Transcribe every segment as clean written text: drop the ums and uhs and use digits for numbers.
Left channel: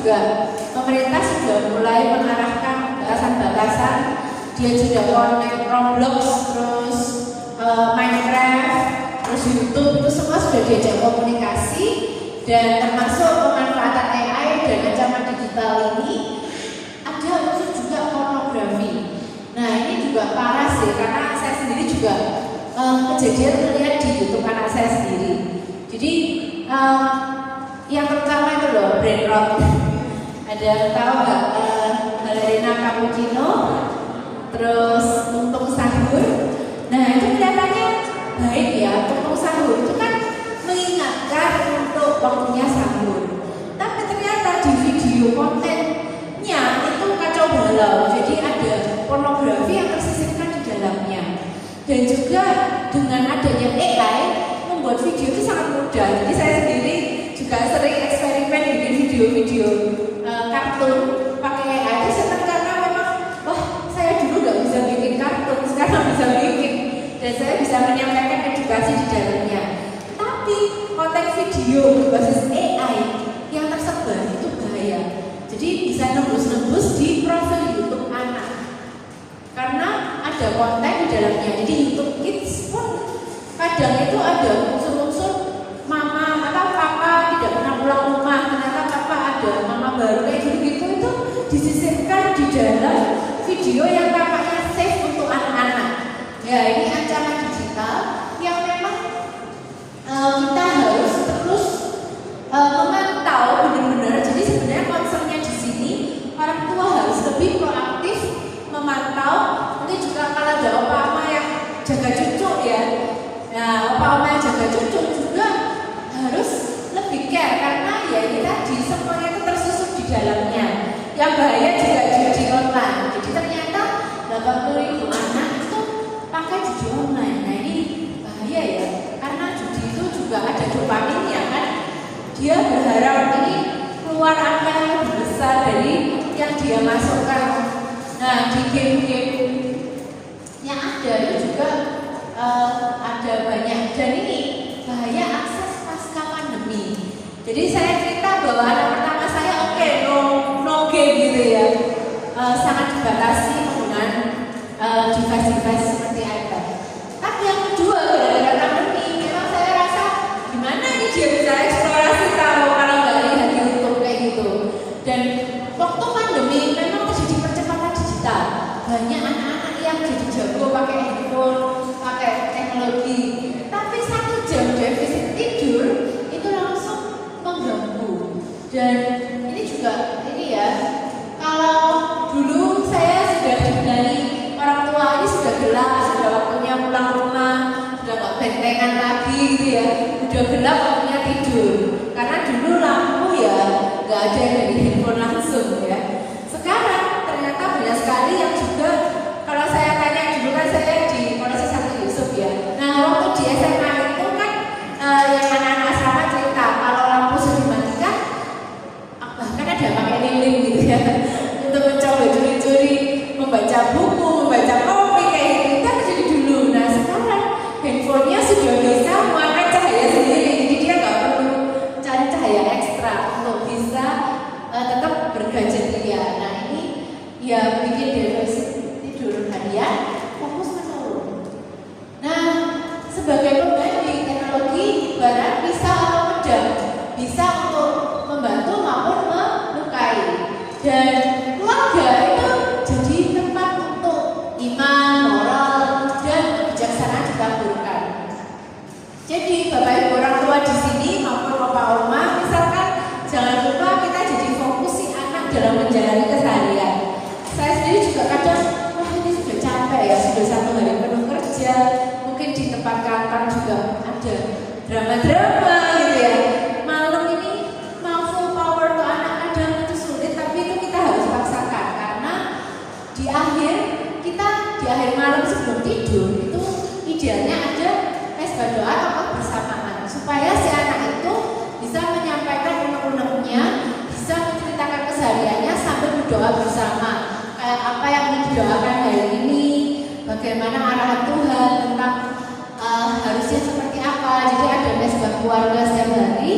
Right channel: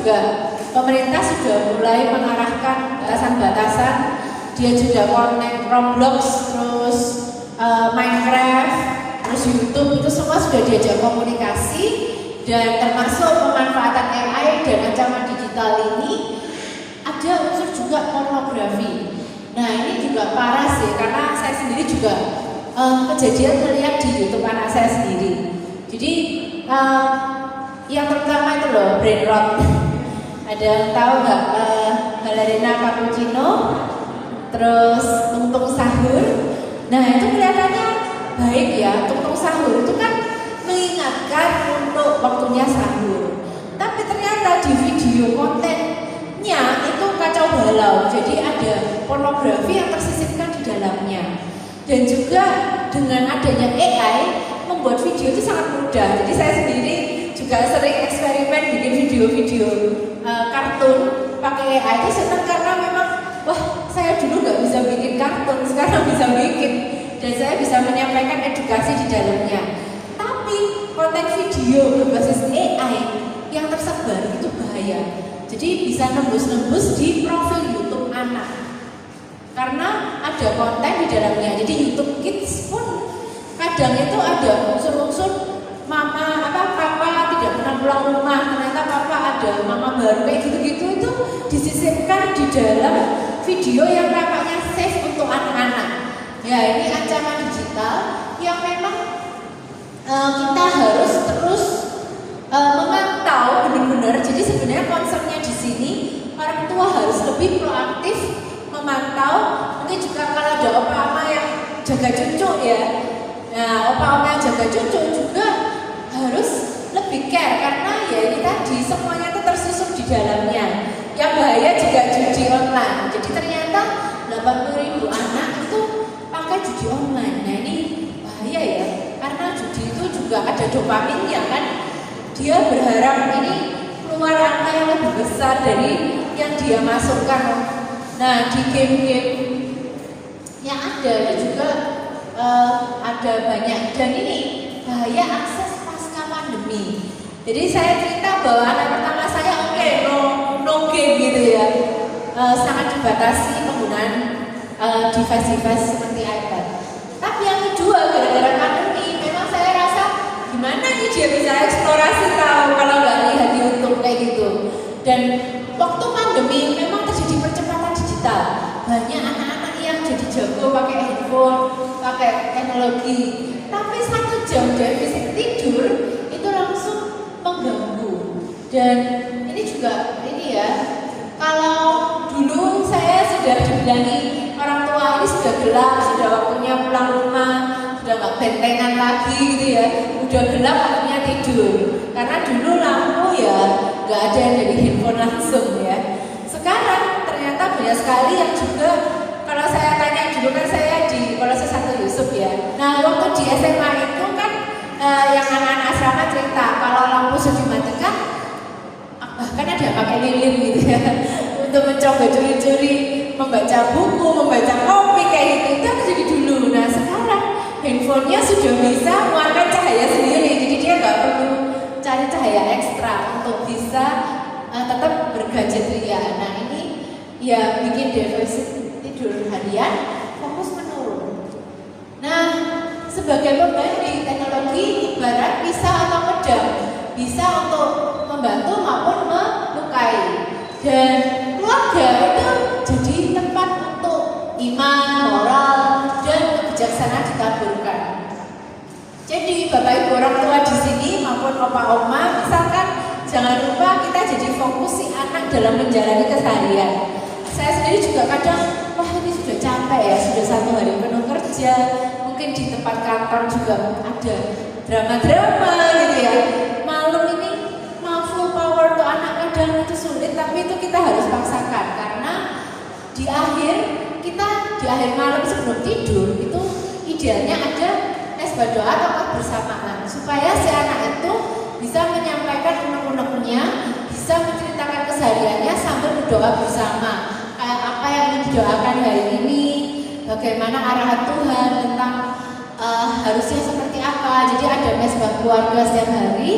juga pemerintah sudah mulai mengarahkan batasan-batasan. Dia juga connect Roblox, terus Minecraft, terus YouTube, itu semua sudah diajak komunikasi. Dan termasuk pemanfaatan AI dan ancaman digital ini ada unsur juga pornografi. Nah ini juga parah sih, karena saya sendiri juga kejadian melihat di YouTube anak saya sendiri. Jadi yang pertama itu loh, brain rot. Ada tahu nggak ballerina cappuccino, terus tungtung sahur. Nah itu kelihatannya baik ya, tungtung sahur itu kan mengingatkan untuk waktunya sahur. Tapi ternyata di video kontennya itu kacau balau. Jadi ada pornografi yang tersisipkan di dalamnya. Dan juga dengan adanya AI membuat video itu sangat mudah. Jadi saya sendiri juga sering eksperimen bikin video-video kartun pakai AI. Itu senang karena memang wah saya dulu nggak bisa bikin kartun, sekarang bisa bikin. Dan saya bisa menyampaikan edukasi di dalamnya. Tapi konten video berbasis AI yang tersebar itu bahaya. Jadi bisa nembus-nembus di profil YouTube anak. Karena ada konten di dalamnya. Jadi YouTube Kids pun kadang itu ada unsur-unsur mama atau papa tidak pernah pulang rumah, ternyata papa ada mama baru kayak gitu-gitu, itu disisipkan di dalam video yang tampaknya safe untuk anak-anak. Ya ini ancaman digital yang memang kita harus terus memantau benar-benar. Jadi sebenarnya concernnya di sini orang tua harus lebih proaktif memantau. Mungkin juga kalau ada opa-oma yang jaga cucu ya, nah opa-oma yang jaga cucu juga harus lebih care, karena ya ini tadi semuanya itu tersusup di dalamnya. Yang bahaya juga judi online. Jadi ternyata 80.000 anak itu pakai judi online. Nah ini bahaya ya, karena judi itu juga ada dopaminnya kan. Dia berharap ini keluar angka yang lebih besar dari yang dia masukkan. Nah di game-game yang ada itu juga ada banyak. Dan ini bahaya akses pasca pandemi. Jadi saya cerita bahwa anak pertama saya no game gitu ya, sangat dibatasi penggunaan device-device seperti iPad. Tapi yang kedua gara-gara pandemi, memang saya rasa gimana nih dia bisa eksplorasi tahu kalau nggak lihat YouTube kayak gitu. Dan waktu pandemi memang terjadi percepatan digital. Banyak anak-anak yang jadi jago pakai handphone, pakai teknologi. Tapi 1 jam defisit tidur itu langsung mengganggu. Dan ini juga ini ya, kalau dulu saya sudah dibilangin orang tua ini sudah gelap, sudah waktunya pulang rumah, sudah nggak bentengan lagi gitu ya, udah gelap waktunya tidur. Karena dulu lampu ya nggak ada yang dari handphone langsung ya. Sekarang ternyata banyak sekali yang juga, kalau saya tanya dulu kan saya di Kolose 1 Yusuf ya. Nah waktu di SMA itu kan yang anak-anak asrama cerita kalau lampu sudah dimatikan, bahkan ada yang pakai lilin gitu ya untuk mencoba curi-curi membaca buku, membaca komik kayak gitu. Itu terjadi dulu. Nah sekarang handphonenya sudah bisa mewarnai cahaya sendiri, jadi dia nggak perlu cari cahaya ekstra untuk bisa tetap bergadget ria. Nah ini ya bikin defisit tidur harian, fokus menurun. Nah sebagai pembanding, teknologi ibarat pisau atau pedang, bisa untuk membantu maupun melukai. Dan keluarga itu jadi tempat untuk iman, moral, dan kebijaksanaan ditaburkan. Jadi Bapak Ibu orang tua di sini maupun opa oma, misalkan jangan lupa kita jadi fokus si anak dalam menjalani keseharian. Saya sendiri juga kadang, wah ini sudah capek ya, sudah 1 hari penuh kerja, mungkin di tempat kantor juga ada drama-drama gitu ya. Malam ini mau full power ke anak kadang itu sulit, tapi itu kita harus paksakan, karena di akhir malam sebelum tidur itu idealnya ada mesbah doa atau bersamaan, supaya si anak itu bisa menyampaikan unek-uneknya, bisa menceritakan kesehariannya sambil berdoa bersama. Kayak apa yang ingin didoakan hari ini, bagaimana arahan Tuhan tentang harusnya seperti apa. Jadi ada mesbah keluarga setiap hari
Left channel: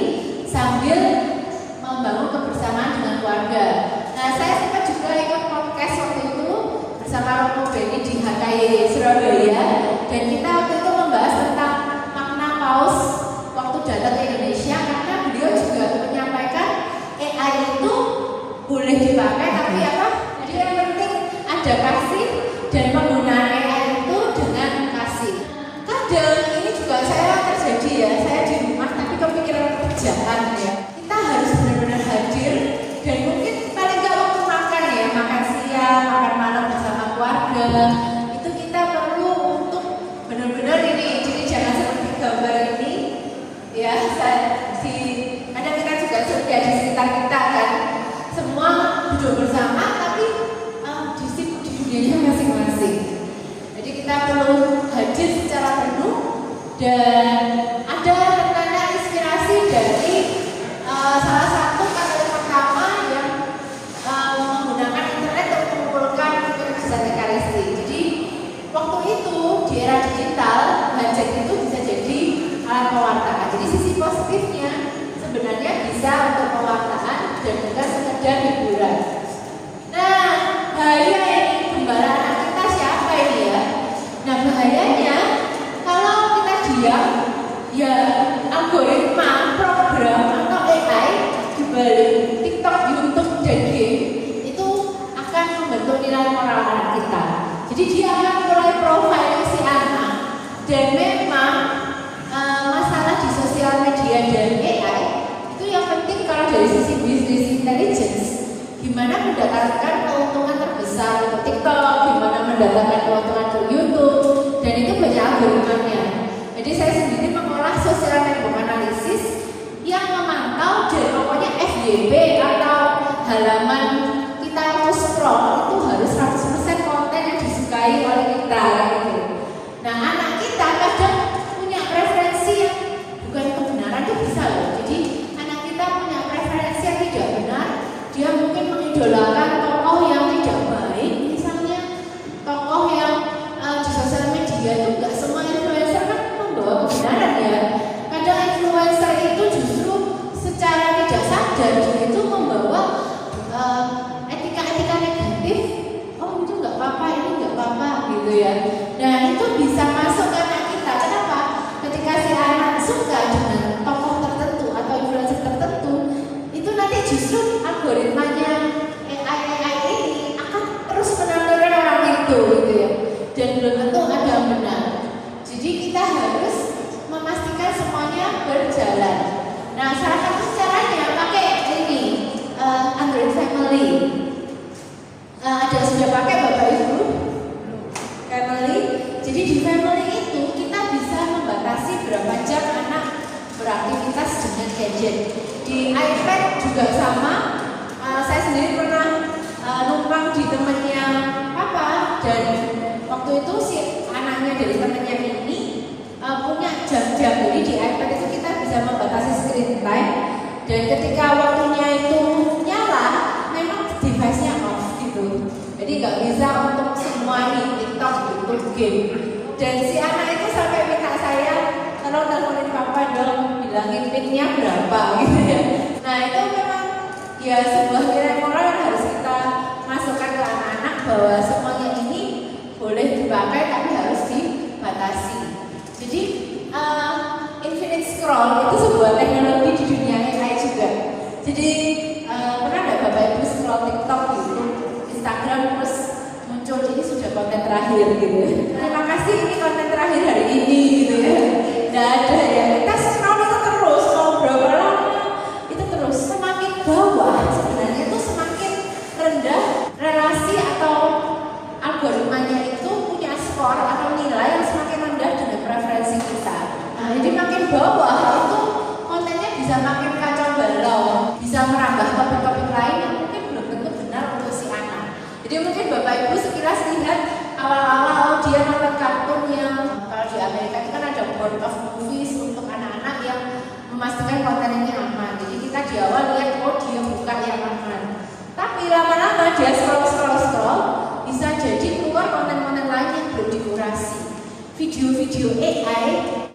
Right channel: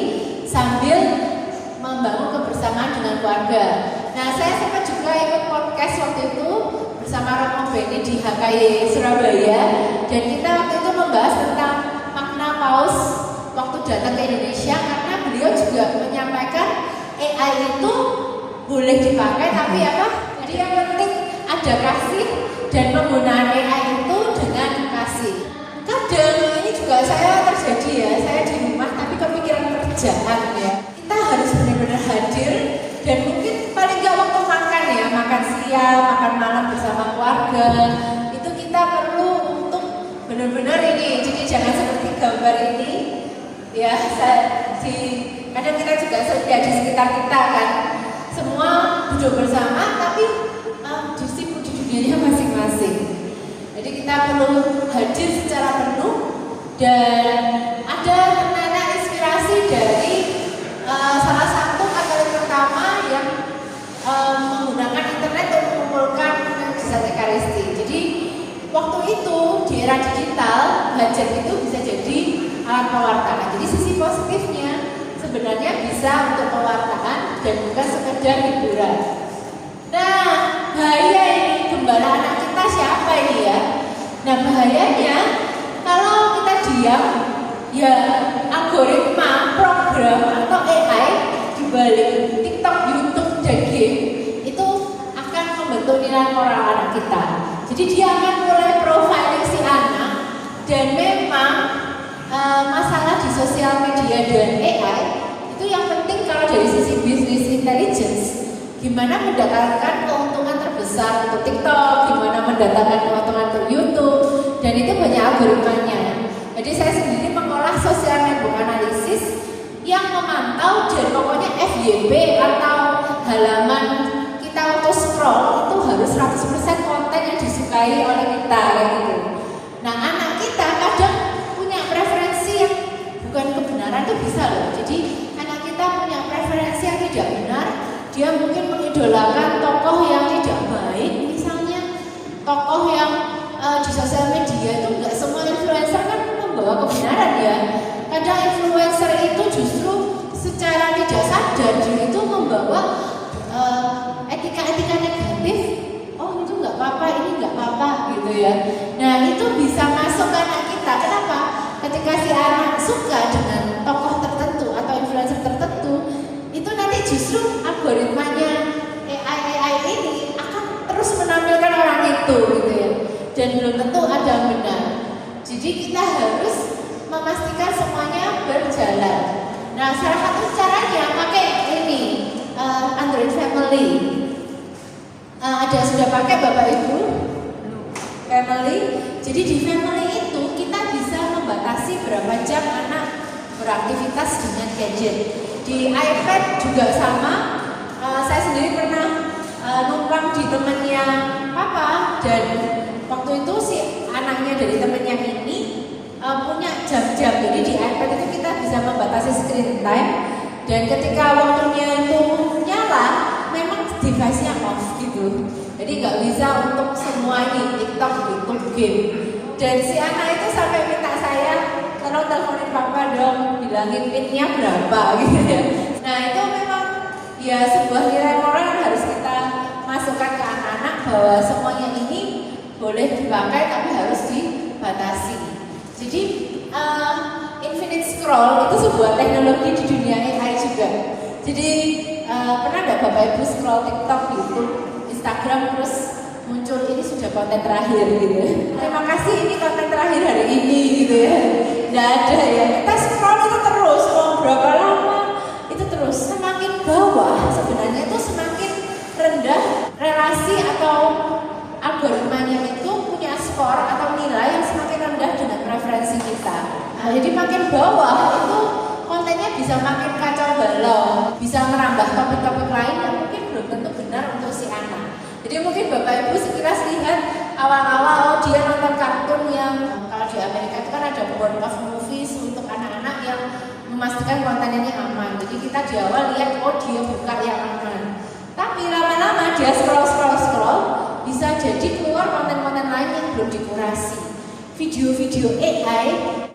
sambil membangun kebersamaan dengan keluarga. olahraga. Nah, saya sempat juga ikut podcast waktu itu bersama Romo Beni di HKY Surabaya, dan kita waktu itu membahas tentang makna paus waktu datang ke Indonesia, karena beliau juga menyampaikan AI itu boleh dipakai, tapi apa? Jadi yang penting ada kasih dan penggunaan AI itu dengan kasih. Kadang ini juga saya terjadi ya, saya di rumah tapi kepikiran kerjaan ya. Kita harus benar-benar hadir, dan mungkin paling nggak waktu makan ya, makan siang, makan malam bersama keluarga, itu kita perlu untuk benar-benar ini. Jadi jangan seperti gambar ini ya, kadang kita juga sudah di sekitar kita kan, semua duduk bersama tapi sibuk di dunianya masing-masing. Jadi kita perlu hadir secara penuh, dan ada ternyata inspirasi dari salah satu katolik pertama yang menggunakan internet untuk mengumpulkan mukjizat Ekaristi. Jadi waktu itu di era digital, hajat itu bisa jadi alat pewartaan. Jadi sisi positifnya sebenarnya bisa untuk pewartaan dan bukan sekedar hiburan. Nah, bahaya ini gembala anak kita siapa ini ya? Nah, bahayanya kalau kita diam, ya algoritma, program atau AI di balik TikTok, YouTube, dan game itu akan membentuk nilai moral anak kita. Jadi dia akan mulai profiling si anak, dan memang masalah di sosial media dan AI itu yang penting kalau dari sisi business intelligence, gimana mendatangkan keuntungan terbesar untuk TikTok, gimana mendatangkan keuntungan untuk YouTube, dan itu banyak algoritmanya. Jadi saya sendiri mengolah social network analysis yang memantau, dan pokoknya FYP atau halaman kita auto scroll itu harus 100% konten yang disukai oleh kita gitu. Nah, anak kita kadang punya preferensi yang bukan kebenaran, itu bisa loh. Jadi anak kita punya preferensi yang tidak benar, dia mungkin mengidolakan tokoh yang tidak baik, misalnya tokoh yang di sosial media itu nggak semua influencer kan membawa kebenaran ya. Kadang influencer itu justru secara tidak sadar dia itu membawa etika-etika negatif. Oh, itu nggak apa-apa, ini nggak apa-apa gitu ya. Nah, itu bisa masuk ke anak kita. Kenapa? Ketika si anak suka dengan tokoh tertentu atau influencer tertentu, itu nanti justru algoritmanya AI ini akan terus menampilkan orang itu gitu ya, dan belum tentu ada yang benar. Jadi kita harus memastikan semuanya berjalan. Nah, salah satu caranya pakai ini Android Family. Ada sudah pakai Bapak Ibu Family? Jadi di Family itu kita bisa membatasi berapa jam anak beraktivitas dengan gadget. Di iPad juga sama. Saya sendiri pernah numpang di temannya Papa, dan waktu itu si anaknya dari temannya ini punya jam-jam. Jadi di iPad itu kita bisa membatasi screen time, dan ketika waktunya itu nyala, memang device-nya off gitu. Jadi nggak bisa untuk semua nih TikTok, YouTube, game. Dan si anak itu sampai minta saya, tolong teleponin Papa dong, bilangin PIN-nya berapa gitu ya. Nah, itu memang ya sebuah nilai moral yang harus kita masukkan ke anak-anak, bahwa semuanya ini boleh dipakai tapi harus dibatasi. Jadi infinite scroll itu sebuah teknologi di dunia AI juga. Jadi pernah nggak Bapak Ibu scroll TikTok, YouTube, Instagram, terus muncul ini sudah konten terakhir gitu ya. Terima kasih, ini konten terakhir hari ini gitu ya. Nggak ada ya. Kita scroll itu terus, mau berapa lama itu terus. Semakin bawah sebenarnya itu semakin rendah relasi atau algoritmanya itu punya skor atau nilai yang semakin rendah dengan preferensi kita. Nah, jadi makin bawah itu kontennya bisa makin kacau balau, bisa merambah topik-topik lain yang mungkin belum tentu benar untuk si anak. Jadi mungkin Bapak Ibu sekilas lihat awal-awal dia nonton kartun yang kalau di Amerika itu kan ada World of Movies untuk anak-anak yang memastikan kontennya aman. Jadi kita di awal lihat oh dia buka yang aman. Tapi lama-lama dia scroll bisa jadi keluar konten-konten lain yang belum dikurasi. Video-video AI